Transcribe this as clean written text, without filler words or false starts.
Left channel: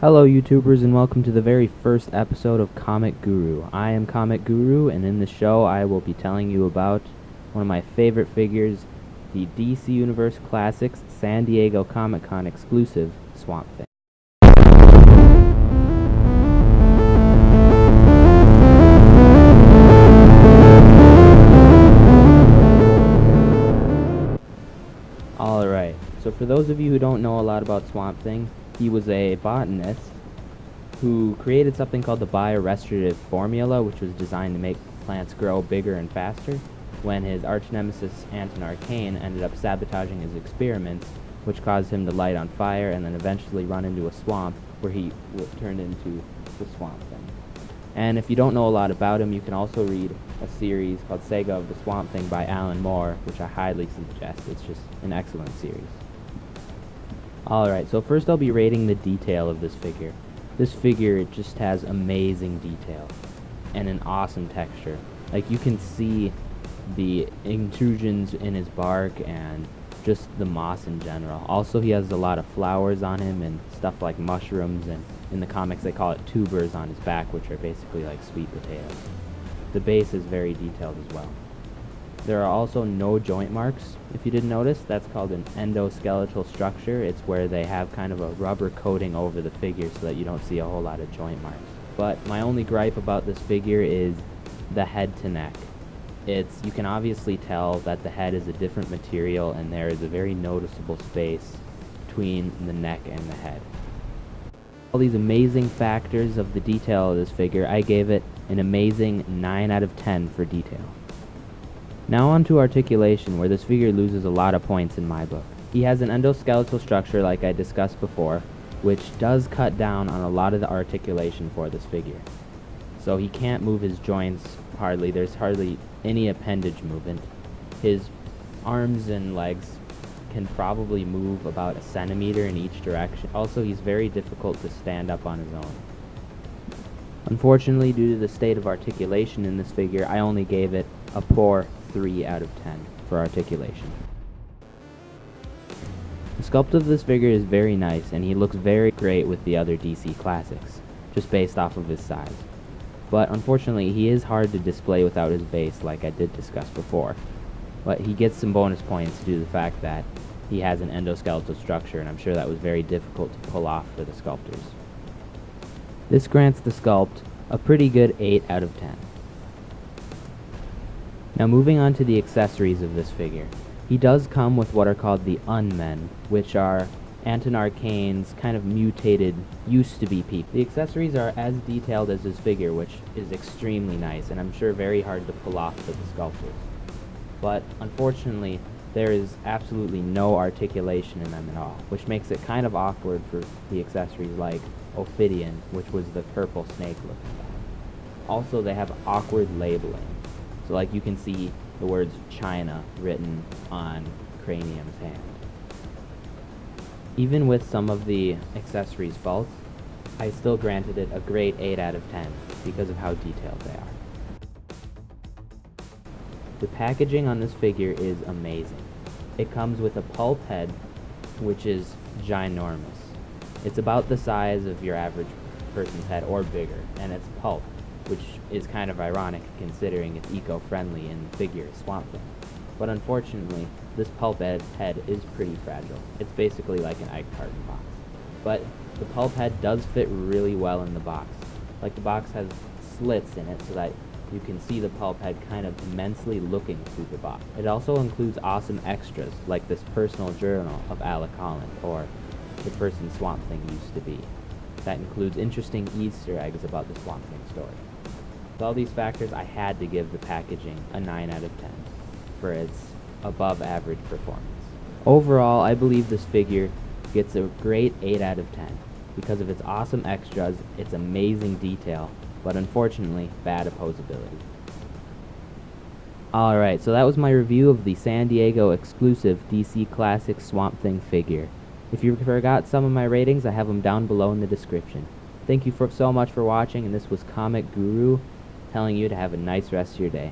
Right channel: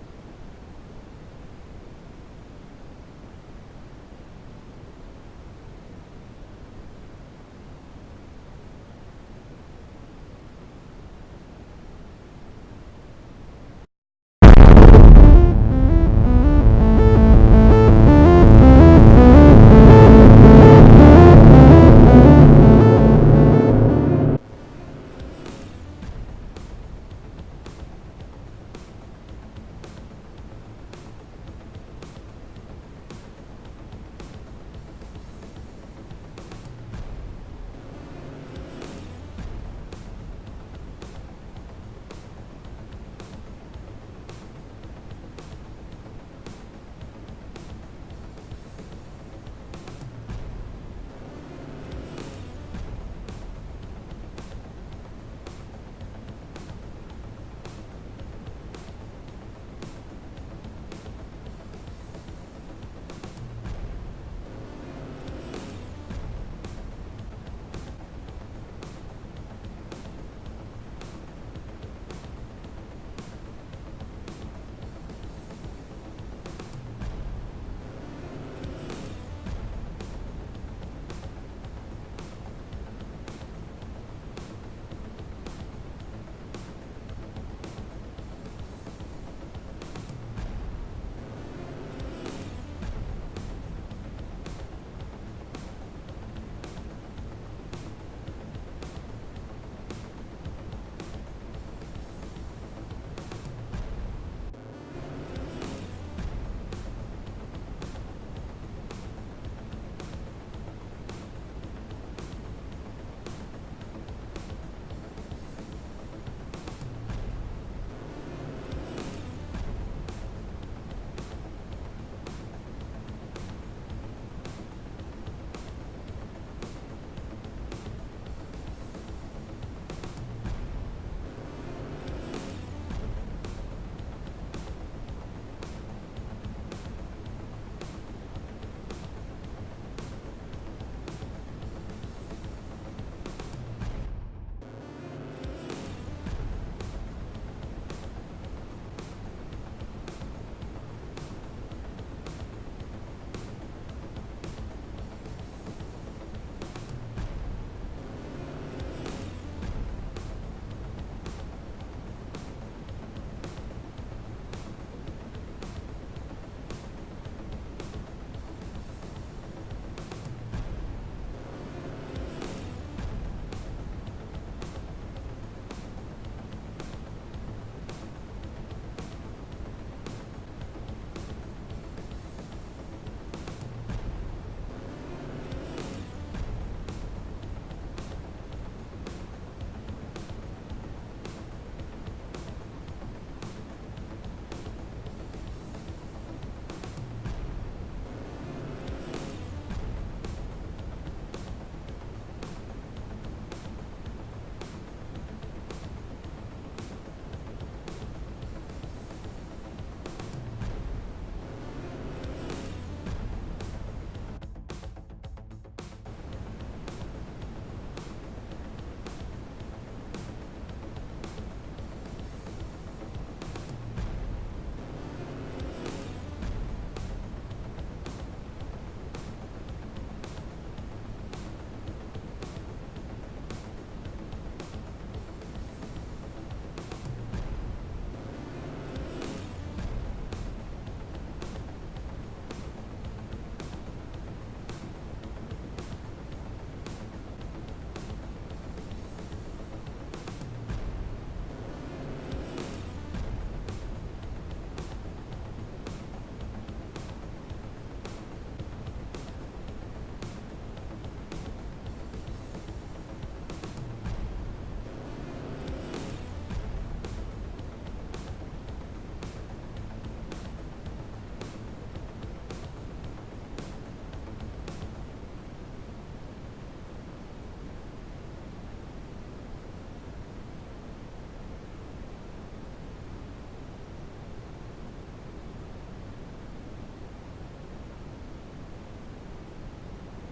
Hello YouTubers and welcome to the very first episode of Comic Guru. I am Comic Guru, and in this show I will be telling you about one of my favorite figures, the DC Universe Classics San Diego Comic-Con exclusive Swamp Thing. Alright, so for those of you who don't know a lot about Swamp Thing, he was a botanist who created something called the biorestorative formula, which was designed to make plants grow bigger and faster, when his arch-nemesis Articulation ended up sabotaging his experiments, which caused him to light on fire and then eventually run into a swamp where he turned into the Swamp Thing. And if you don't know a lot about him, you can also read a series called Saga of the Swamp Thing by Alan Moore, which I highly suggest. It's just an excellent series. Alright, so first I'll be rating the detail of this figure. This figure just has amazing detail and an awesome texture. Like, you can see the intrusions in his bark and just the moss in general. Also, he has a lot of flowers on him and stuff like mushrooms, and in the comics they call it tubers on his back, which are basically like sweet potatoes. The base is very detailed as well. There are also no joint marks, if you didn't notice. That's called an endoskeletal structure. It's where they have kind of a rubber coating over the figure so that you don't see a whole lot of joint marks. But my only gripe about this figure is the head to neck. You can obviously tell that the head is a different material, and there is a very noticeable space between the neck and the head. All these amazing factors of the detail of this figure, I gave it an amazing 9 out of 10 for detail. Now on to articulation, where this figure loses a lot of points in my book. He has an endoskeletal structure, like I discussed before, which does cut down on a lot of the articulation for this figure. So he can't move his joints hardly. There's hardly any appendage movement. His arms and legs can probably move about a centimeter in each direction. Also, he's very difficult to stand up on his own. Unfortunately, due to the state of articulation in this figure, I only gave it a poor 3 out of 10 for articulation. The sculpt of this figure is very nice, and he looks very great with the other DC classics, just based off of his size. But unfortunately, he is hard to display without his base, like I did discuss before. But he gets some bonus points due to the fact that he has an endoskeletal structure, and I'm sure that was very difficult to pull off for the sculptors. This grants the sculpt a pretty good 8 out of 10. Now moving on to the accessories of this figure. He does come with what are called the Unmen, which are Articulations's kind of mutated, used-to-be people. The accessories are as detailed as his figure, which is extremely nice, and I'm sure very hard to pull off for the sculptor. But unfortunately, there is absolutely no articulation in them at all, which makes it kind of awkward for the accessories like Ophidian, which was the purple snake look. Also, they have awkward labeling. So like you can see the words China written on Cranium's hand. Even with some of the accessories' faults, I still granted it a great 8 out of 10 because of how detailed they are. The packaging on this figure is amazing. It comes with a pulp head, which is ginormous. It's about the size of your average person's head or bigger, and it's pulp, which is kind of ironic considering it's eco-friendly and the figure is Swamp Thing. But unfortunately, this pulp head is pretty fragile. It's basically like an egg carton box. But the pulp head does fit really well in the box. Like, the box has slits in it so that you can see the pulp head kind of immensely looking through the box. It also includes awesome extras, like this personal journal of Alec Holland, or the person Swamp Thing used to be. That includes interesting Easter eggs about the Swamp Thing story. With all these factors, I had to give the packaging a 9 out of 10 for its above average performance. Overall, I believe this figure gets a great 8 out of 10 because of its awesome extras, its amazing detail, but unfortunately, bad opposability. Alright, so that was my review of the San Diego exclusive DC Classic Swamp Thing figure. If you forgot some of my ratings, I have them down below in the description. Thank you so much for watching, and this was Comic Guru telling you to have a nice rest of your day.